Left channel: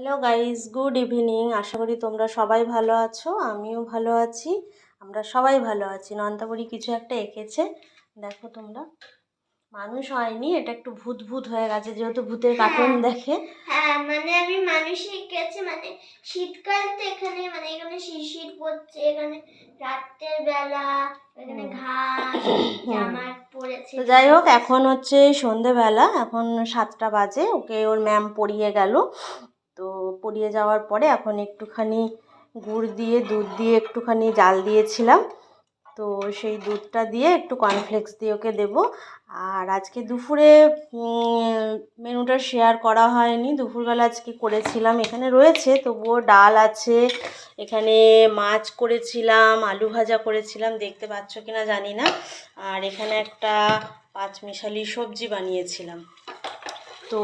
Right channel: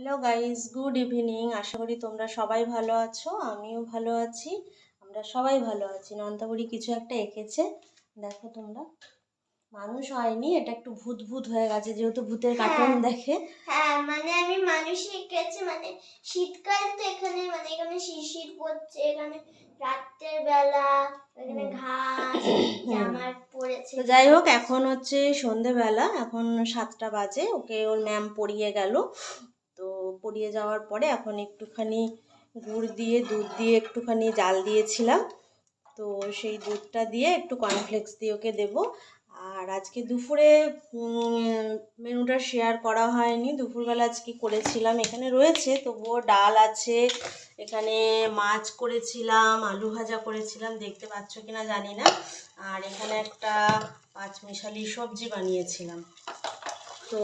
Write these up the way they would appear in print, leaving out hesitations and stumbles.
Hello guys, good evening. আশা করি তোমরা সবাই ভালো আছো, আমিও ভালো আছি। আমরা সবাই ভালো আছি। নন্দাবুড়ি কিছু একটা এঁকেছে, দেখো তোমরা। মানুষ হয়নি, এটা একটু ভূত ভূত হয়ে গেছে, যেহেতু ভূতের কার্টুন দেখে। হ্যাঁ, মানে আমি মানুষই এঁকেছি। মানে শীতকাল তো এখানে, মানে এখানে শিশির পড়ছে, এখানে রাতের বেলা, এখানে ঘাস জামার পড়েছে। তো যাই হোক, এখন হচ্ছে সন্ধেবেলা, এখন 7টা বাজে। ওকে ওর ম্যাম পড়িয়ে গেল। তো পড়িয়ে যাওয়ার পরে এখন একটুখানি গুড় দিয়ে দুধ দিয়ে একটুখানি জাল দিয়েছিলাম। তো সেই দুধটা দিয়ে একটু কর্নফ্লেক্স দিয়ে ওকে দেবো। আর আজকে দুপুরে মেনুটা শেয়ার করা হয়নি। দুপুরবেলা আজকে করেছিলাম, এখানে রয়েছে তবুও ডাল আছে, এখানে মাছ করেছিলাম, আলু ভাজা করেছিলাম, দেখতে পাচ্ছ কিনা জানি না। আর এখানে একটা পাঁচমিশালি সবজি বানিয়েছিলাম। তো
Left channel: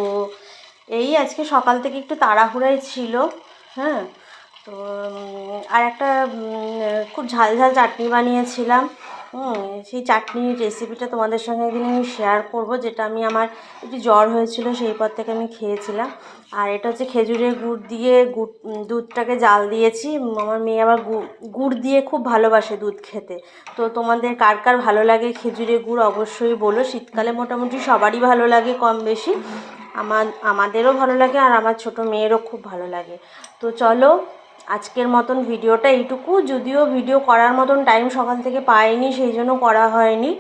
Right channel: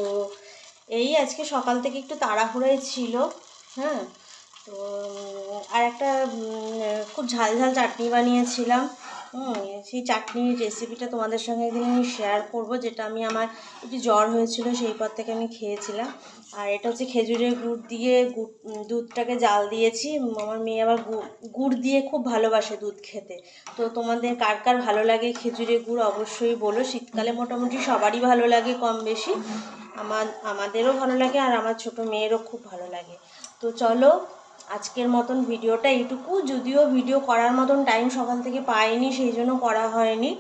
এই আজকে সকাল থেকে একটু তাড়াহুড়োই ছিল। হ্যাঁ, তো আর একটা খুব ঝাল ঝাল চাটনি বানিয়েছিলাম। সেই চাটনির রেসিপিটা তোমাদের সঙ্গে একদিন আমি শেয়ার করব, যেটা আমি আমার একটু জ্বর হয়েছিল সেই পর থেকে আমি খেয়েছিলাম। আর এটা হচ্ছে খেজুরের গুড় দিয়ে দুধটাকে জাল দিয়েছি। আমার মেয়ে আবার গুড় দিয়ে খুব ভালোবাসে দুধ খেতে। তো তোমাদের কার কার ভালো লাগে খেজুরের গুড় অবশ্যই বলো। শীতকালে মোটামুটি সবারই ভালো লাগে কম বেশি। আমাদেরও ভালো লাগে, আর আমার ছোট মেয়েরও খুব ভালো লাগে। তো চলো, আজকের মতন ভিডিওটা এইটুকু। যদিও ভিডিও করার মতন টাইম সকাল থেকে পাইনি, সেই জন্য করা হয়নি।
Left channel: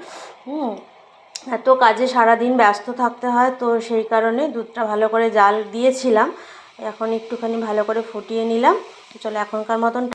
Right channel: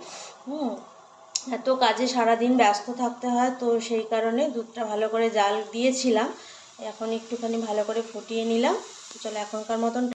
এত কাজে সারাদিন ব্যস্ত থাকতে হয়, তো সেই কারণে দুধটা ভালো করে জাল দিয়েছিলাম। এখন একটুখানি ভালো করে ফুটিয়ে নিলাম। চলো, এখনকার মতন